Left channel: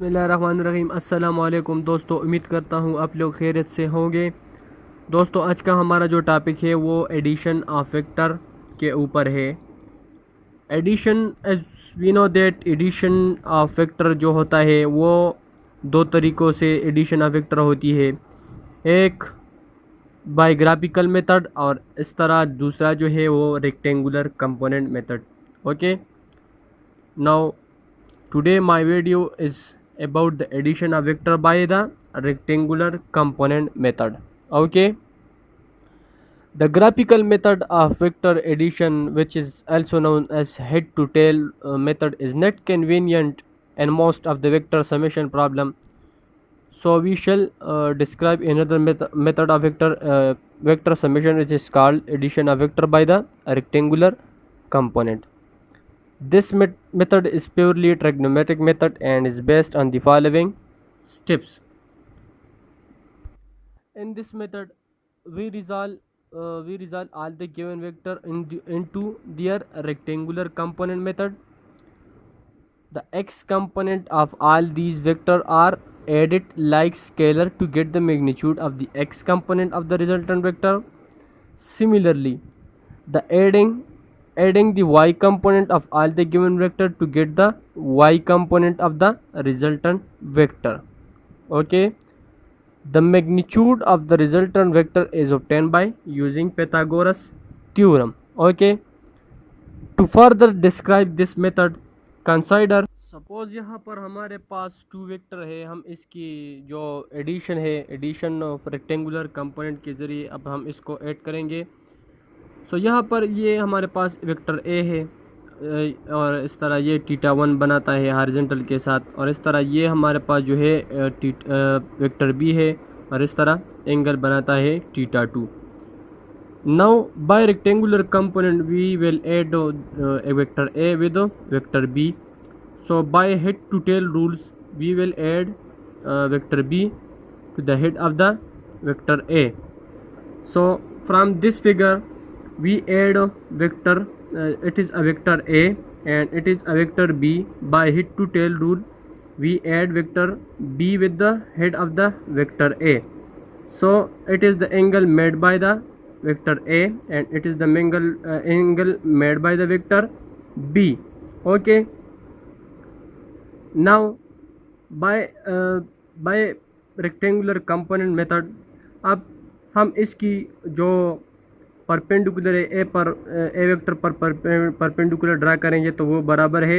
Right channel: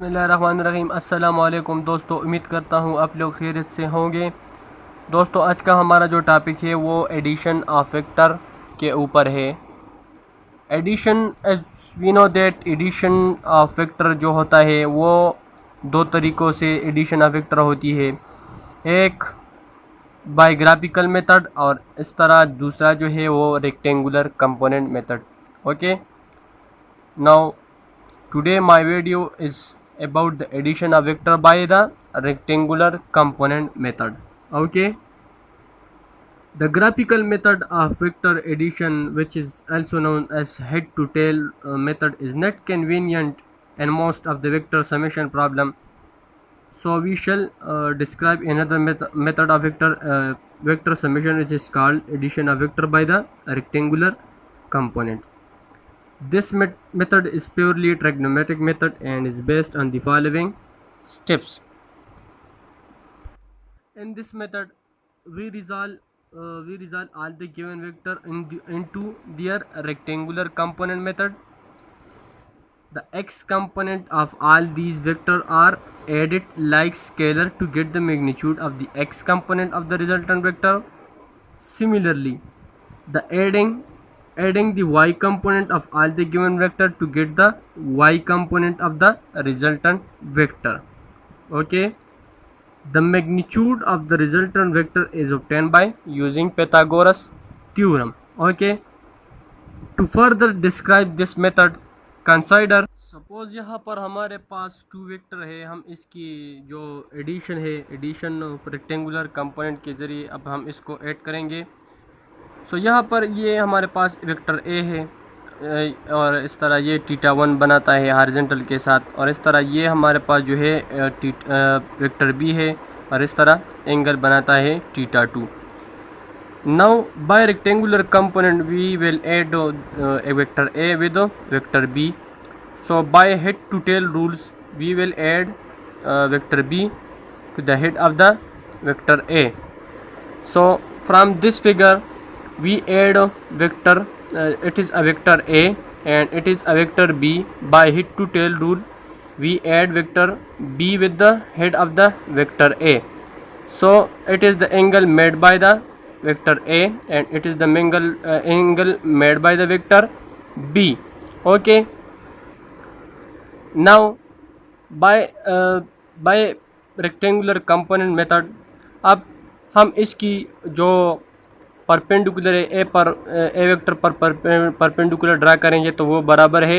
बिस्मिल्लाहिर्रहमानिर्रहीम। अस्सलाम वालेकुम दोस्तों, उम्मीद करता हूँ आप लोग खैरियत से होंगे। दोस्तों, आज का हमारा जो टॉपिक है वो एडिशन ऑफ वेक्टर के ऊपर है। Addition, as we know that addition of vector जो होता है वो दो तरीक़ों से एडिशन ऑफ वेक्टर होती है। एक बाय ग्राफिकल मेथड और इस तरह दूसरा जो है वो rectangular component method. Okay, now today my video is about the addition of vector by the rectangular component method. Okay, the graphical method of vector addition, which is also known as head to tail method, is not convenient in most of the vector summation problem. So we shall describe another method of vector summation, which is called addition of vector by the rectangular component. This method is purely a trigonometric method and is based on the following steps. In this method, we resolve all the given vector into their rectangular component method. The x component of all these vectors are added like scalar to get the magnitude of the x component of the resultant vector. Similarly, the adding the y component of all the given vector to get the y component of the resultant vector. Okay, the magnitude of the resultant vector is obtained by using Pythagoras theorem. Okay, to further describe this method, consider suppose यहाँ पर हमारे पास to vector है। हम इसकी जो addition है, addition of rectangular component के ज़रिए अब हम इसको ऐड करेंगे। सो यहाँ पर ये हमारे पास वेक्टर ए है और इस तरह ये θ1 बनाता है हॉरिजॉन्टल के साथ, और इस तरह ये हमारे पास जो है वेक्टर बी है और इस तरह एंगल बनाता है θ2। Now by rectangular component we will add a vector A with vector B. So by head to tail rules we will add vector B to the head of the vector A. So from this figure we add a vector, it is a vector A and it is a vector B. By head to tail rule we add vector B with the head of the vector A. So it is the angle made by the vector A and it is the angle made by the vector B. Okay, now by rectangular component method अब हम इसकी जो perpendicular है ए vector पर perpendicular draw करेंगे तो वो बराबर है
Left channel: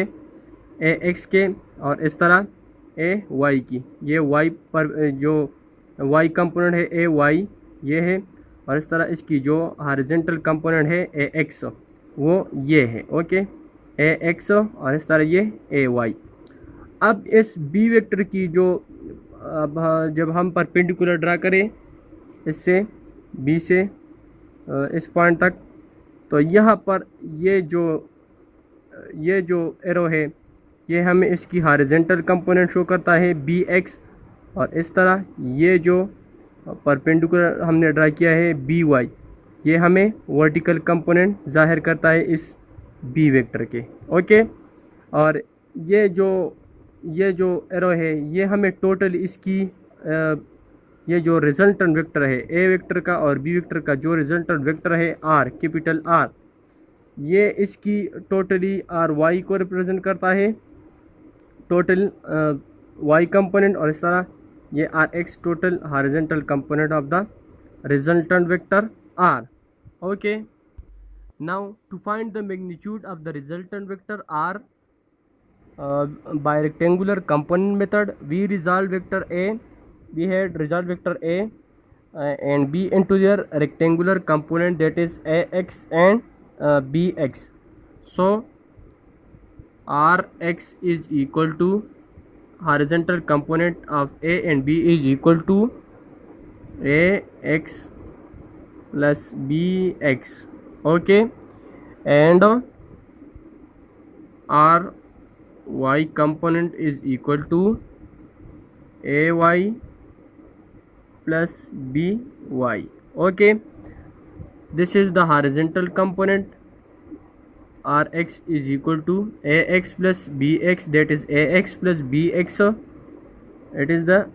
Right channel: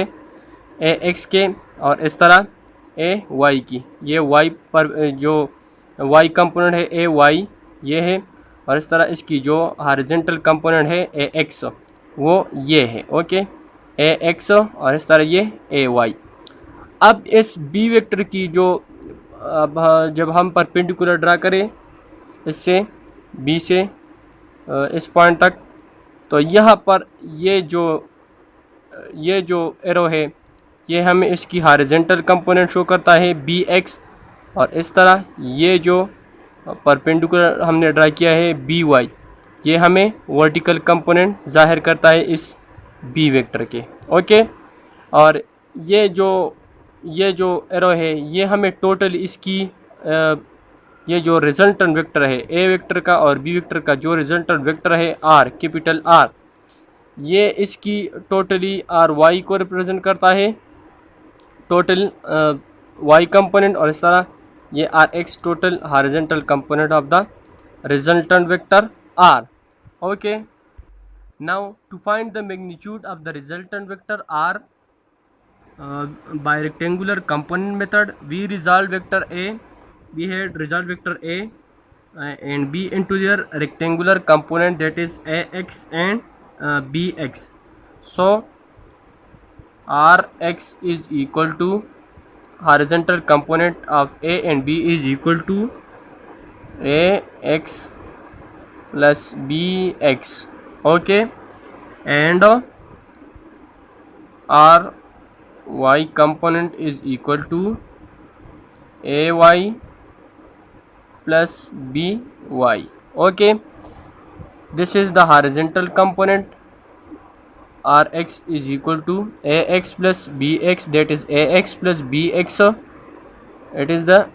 ए एक्स के और इस तरह ए वाई की। ये वाई पर जो वाई कंपोनेंट है ए वाई ये है, और इस तरह इसकी जो हॉरिजॉन्टल कंपोनेंट है ए एक्स वो ये है। ओके, ए एक्स और इस तरह ये ए वाई। अब इस बी वेक्टर की जो अब जब हम परपेंडिकुलर ड्रा करें इससे बी से इस पॉइंट तक, तो यहाँ पर ये जो एरो है ये हमें इसकी हॉरिजॉन्टल कंपोनेंट शो करता है बी एक्स, और इस तरह ये जो परपेंडिकुलर हमने ड्रा किया है बी वाई ये हमें वर्टिकल कंपोनेंट जाहिर करता है इस बी वेक्टर के। ओके, और ये जो एरो है ये हमें टोटल इसकी ये जो रिजल्टेंट वेक्टर है ए वेक्टर का और बी वेक्टर का जो रिजल्टेंट वेक्टर है आर, कैपिटल आर, ये इसकी टोटली आर वाई को रिप्रेजेंट करता है, टोटल वाई कंपोनेंट, और इस तरह ये R X total horizontal component of the resultant vector R. Okay, now to find the magnitude of the resultant vector R by rectangular component method we resolve vector A, we had resolved vector A and B into their rectangular component, that is AX and BX. So RX is equal to horizontal component of A and B is equal to AX plus BX. Okay, and R y component is equal to ay plus by. Okay, this is the horizontal component Rx is equal to Ax plus Bx, that is Ax plus Bx it is the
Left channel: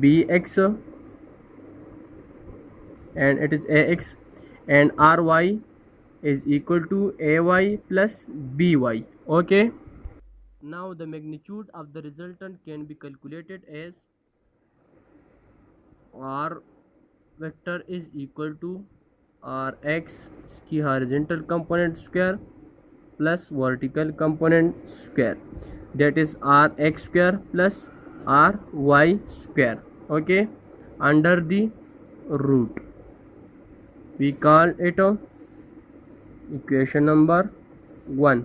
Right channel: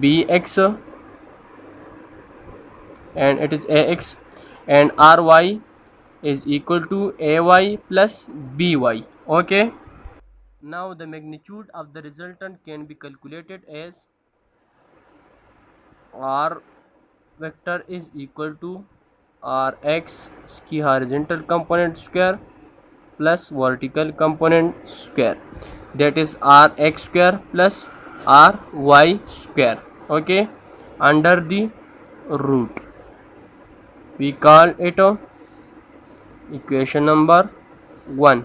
bx and it is ax, and ry is equal to ay plus by. Okay, now the magnitude of the resultant can be calculated as r vector is equal to rx की horizontal component square plus vertical component square, that is rx square plus ry square. Okay, under the root, we call it equation number 1.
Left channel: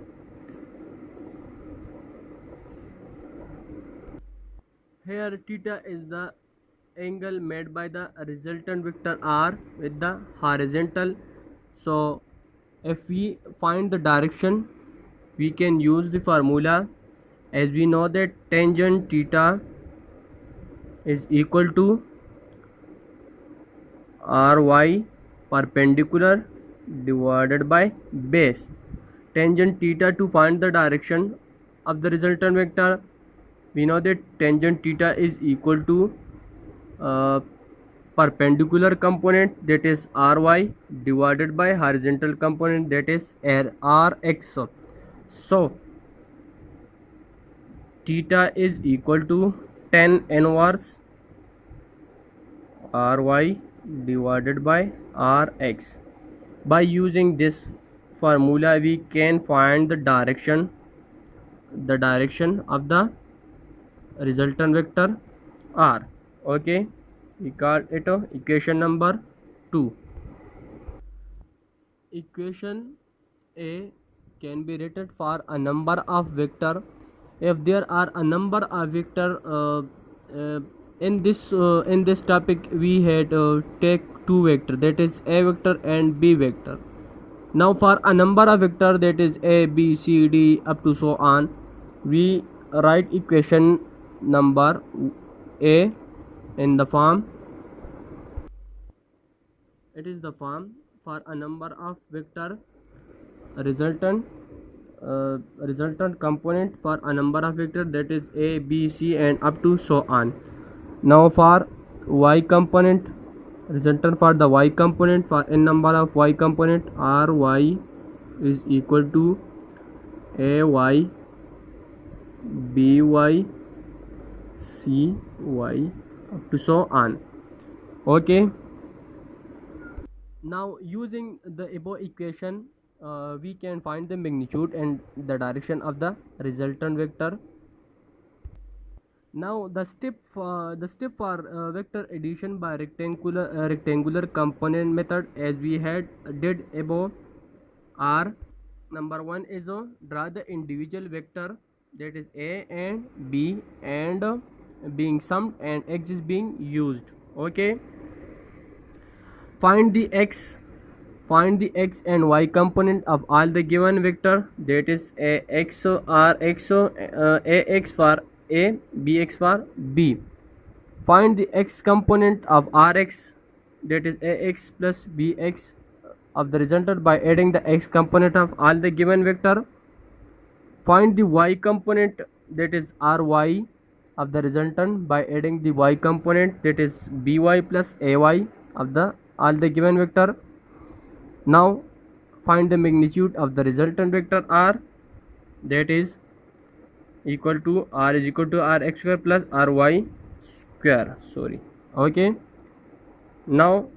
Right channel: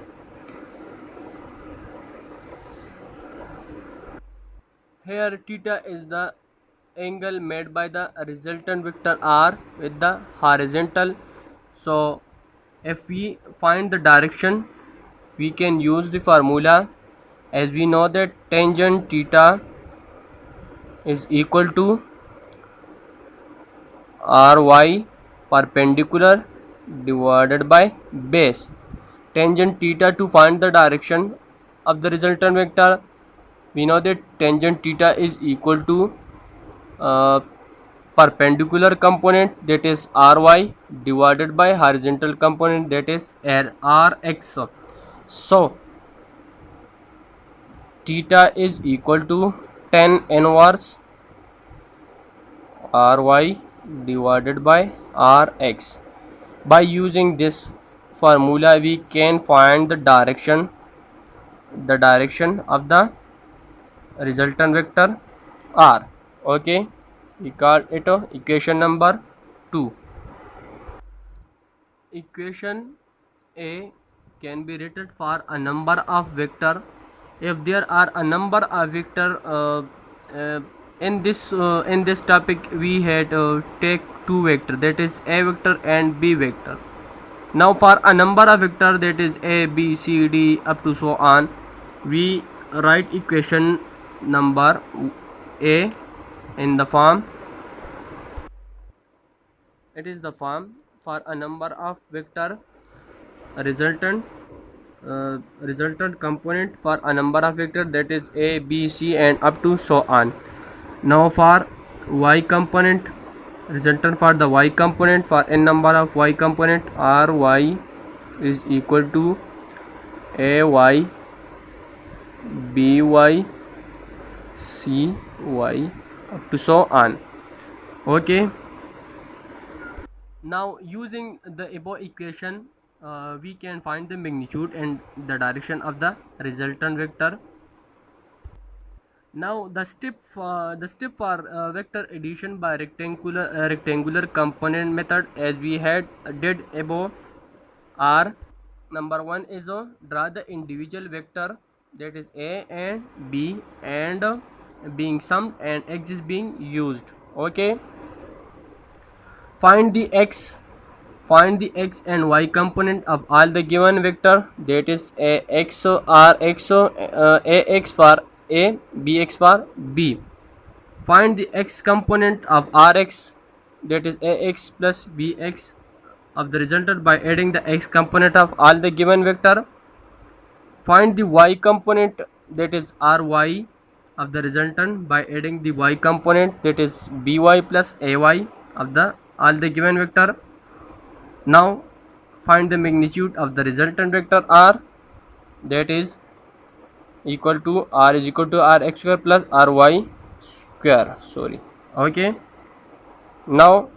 Here theta is the angle made by the resultant vector r with the horizontal. So if we find the direction, we can use the formula, as we know that tangent theta is equal to ry perpendicular divided by base. Tangent theta, to find the direction of the resultant vector, we know that tangent theta is equal to perpendicular component, that is ry, divided by horizontal component, that is rx. So theta is equal to tan inverse ry divided by rx. By using this formula, we can find the direction of the resultant vector r. Okay, we call it equation number 2. Equation A can be written for a number of vector. If there are a number of vector in this topic, we had take two vector, that is a vector and b vector. Now for a number of vector, that is a, b, c, d up to so on, we write equation number A in the form, it is the form for a number of vector resultant component for a number of vector, that is a, b, c and up to so on. Now for y component, resultant for the y component, for n number of y component, ry is equal to ay, by, cy up to so on. Okay, now using the above equation, we can find the magnitude and the direction of the resultant vector. Now the step for vector addition by rectangular component method, as we had did above, are number 1 is draw the individual vector, that is a and b, and being summed and x is being used. Okay, find the x and y component of all the given vector, that is ax, rx, ax for a, bx for b. Find the x component of rx, that is ax plus bx of the resultant by adding the x component of all the given vector. Find the y component, that is ry of the resultant by adding the y component, that is by plus ay of the all the given vector. Now find the magnitude of the resultant vector r, that is equal to r is equal to rx square plus ry square. Okay, now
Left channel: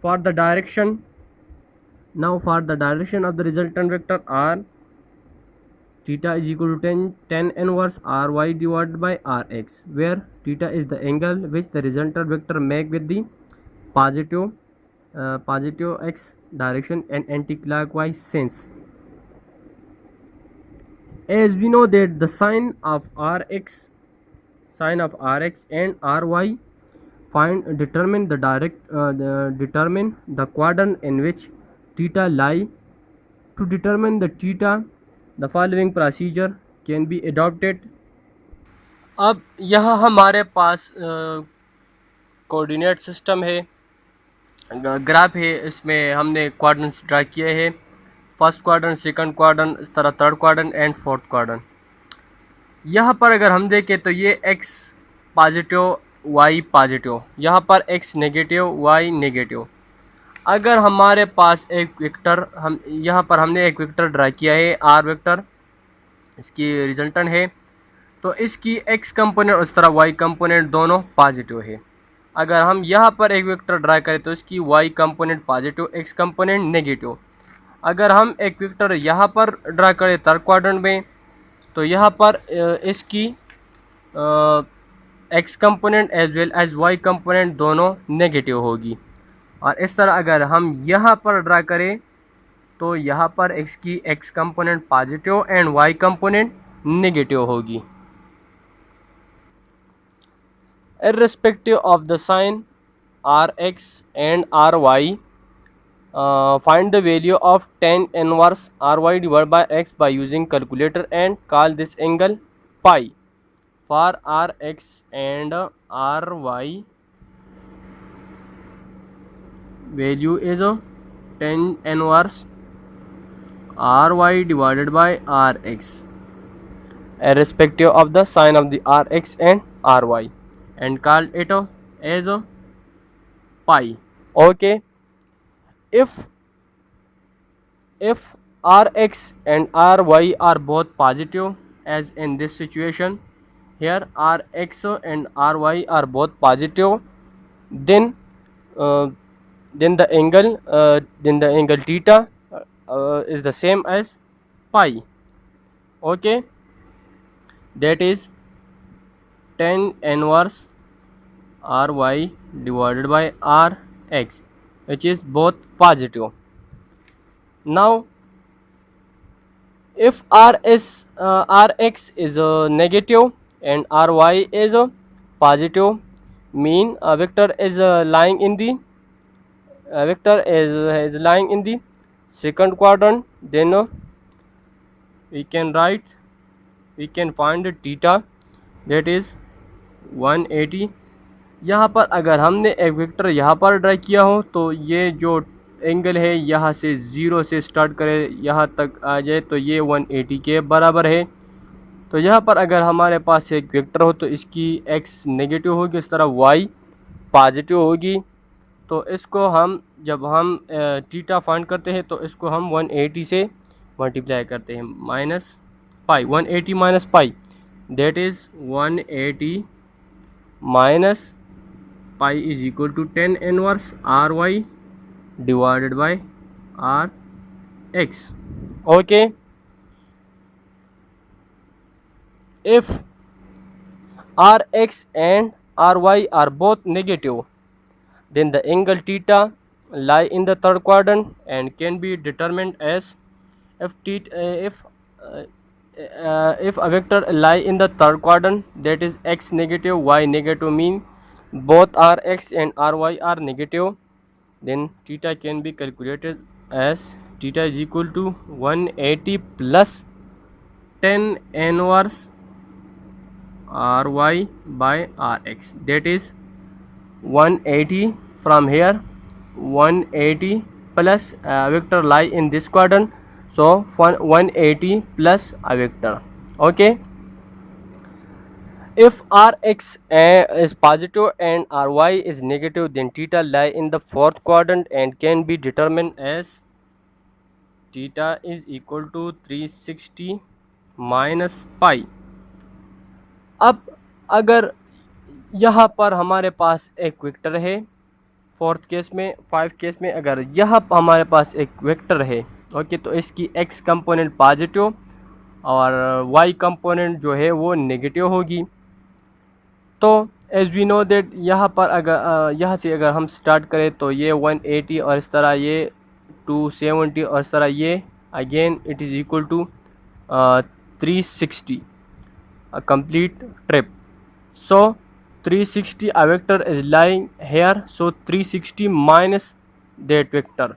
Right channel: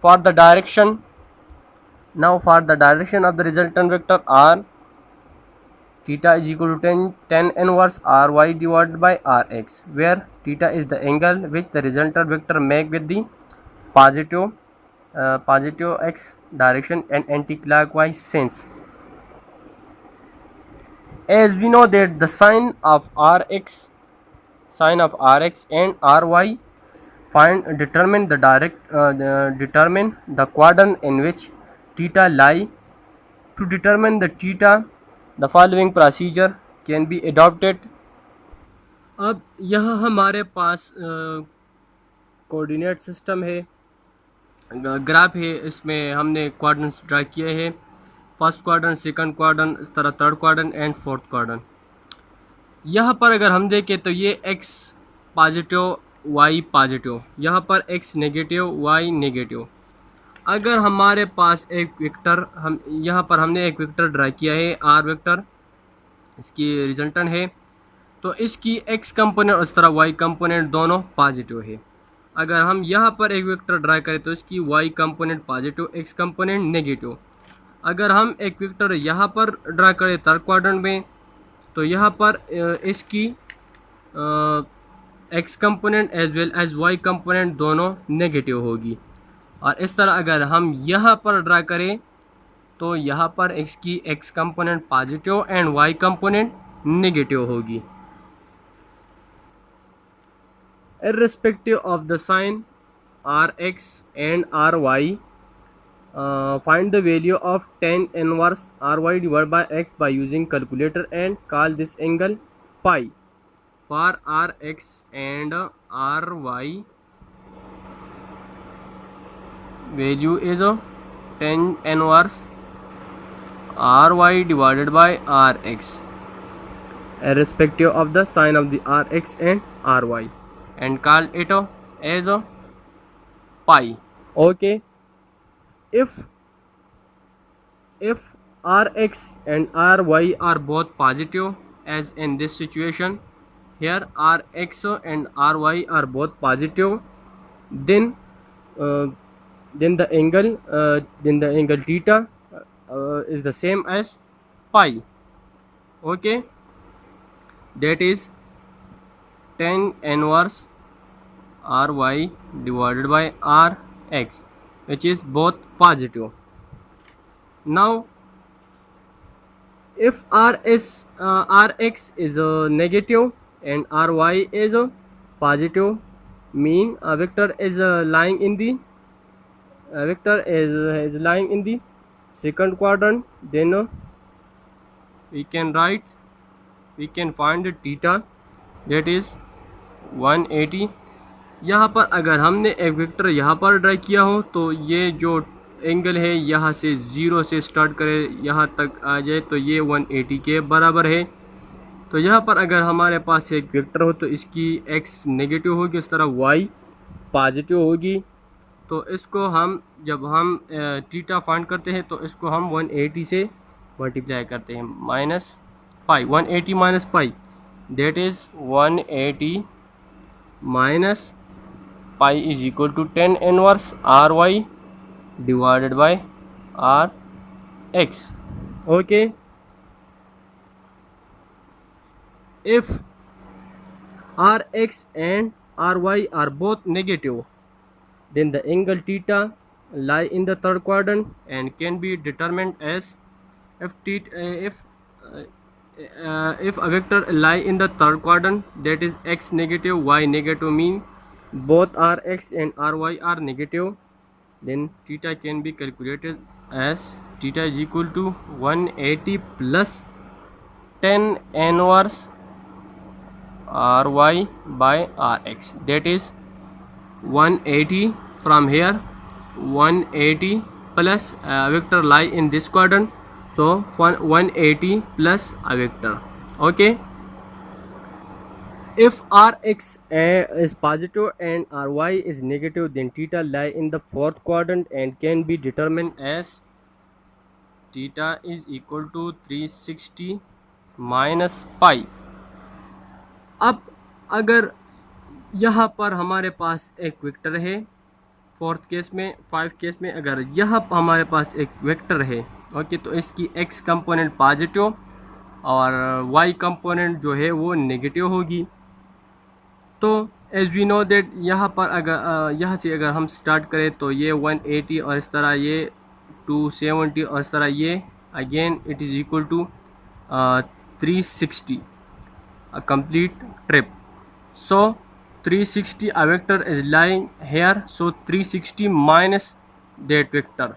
for the direction of the resultant vector r, theta is equal to tan inverse ry divided by rx, where theta is the angle which the resultant vector make with the positive x direction and anti-clockwise sense. As we know that the sign of rx and ry determine the quadrant in which theta lie. To determine the theta, the following procedure can be adopted. अब यहाँ हमारे पास coordinate system है, graph है, इसमें हमने quadrants draw किए हैं, first quadrant, second quadrant, इस तरह third quadrant and fourth quadrant. यहाँ पर अगर हम देखें तो ये x पॉजिटिव वाई पॉजिटिव, यहाँ पर x नेगेटिव वाई नेगेटिव। अगर हमारे पास एक वेक्टर, हम यहाँ पर हमने एक वेक्टर ड्रा किया है आर वेक्टर, इसकी रिजल्टेंट है, तो इसकी x कंपोनेंट और इस तरह y कंपोनेंट दोनों पॉजिटिव है। अगर हम यहाँ पर एक वेक्टर ड्रा करें तो इसकी y component positive, x component negative. अगर हम एक वेक्टर यहाँ पर ड्रा करें थर्ड क्वाड्रेंट में, तो यहाँ पर इसकी x component as well as y component दोनों नेगेटिव होगी। और इस तरह अगर हम यहाँ पर ड्रा करें तो यहाँ पर x की x component positive and y component negative होगी। Irrespective of the sign rx and ry, find the value of tan inverse ry divided by x by using calculator and call this angle pi. For rx and ry, value is tan inverse ry divided by rx, irrespective of the sign of the rx and ry, and call it as pi. Okay, if rx and ry are both positive, as in this situation here rx and ry are both positive, then the angle theta is the same as pi. Okay, that is tan inverse ry divided by rx, which is both positive. Now if rx is negative and ry is positive, mean a vector is lying in the second quadrant, then we can find theta, that is 180। यहाँ पर अगर हमने एक vector यहाँ पर draw किया हो तो ये जो एंगल है यहाँ से 0 से स्टार्ट करें यहाँ तक आ जाए तो ये 180 के बराबर है। तो यहाँ पर अगर हमारे पास एक वेक्टर हो तो इसकी x नेगेटिव होगी, इस तरह y पॉजिटिव होगी। तो इसको हम जब हम थीटा फाइंड करते हैं तो इसको हम 180 से मल्टीप्लाई करते हैं, minus pi, 180 minus pi, that is 180 minus pi is equal to tan inverse ry divided by rx. Okay, if rx and ry are both negative, then the angle theta lie in the third quadrant and can be determined as if a vector lie in the third quadrant, that is x negative y negative, mean both rx and ry are negative, then theta can be calculated as theta is equal to 180 plus tan inverse ry by rx, that is 180 from here, 180 plus vector lie in this quadrant, so 180 plus a vector. Okay, if rx is positive and ry is negative, then theta lie in the fourth quadrant and can be determined as theta is equal to 360 minus pi. अब अगर यहाँ पर हमारे पास एक vector है, fourth case में, 5 case में अगर यहाँ हमारे पास एक वेक्टर है, ओके, तो इसकी x कंपोनेंट पॉजिटिव और y कंपोनेंट जो है वो नेगेटिव होगी। तो एज वी नो दैट यहाँ पर अगर यहाँ से अगर हम स्टार्ट करें तो ये 180 और इस तरह ये 270 और इस तरह ये again it is equal to 360, a complete trip. So 360, a vector is lying here, so 360 minus that vector,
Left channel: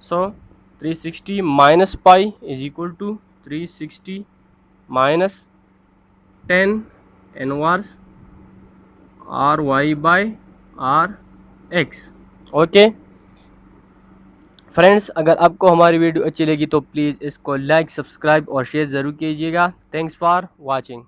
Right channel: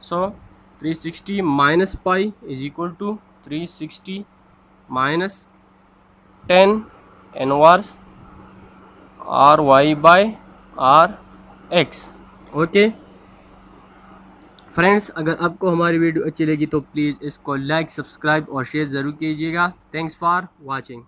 so 360 minus pi is equal to 360 minus tan inverse ry by rx. Okay friends, अगर आपको हमारी video अच्छी लगी तो please इसको like, subscribe और share ज़रूर कीजिएगा। Thanks for watching.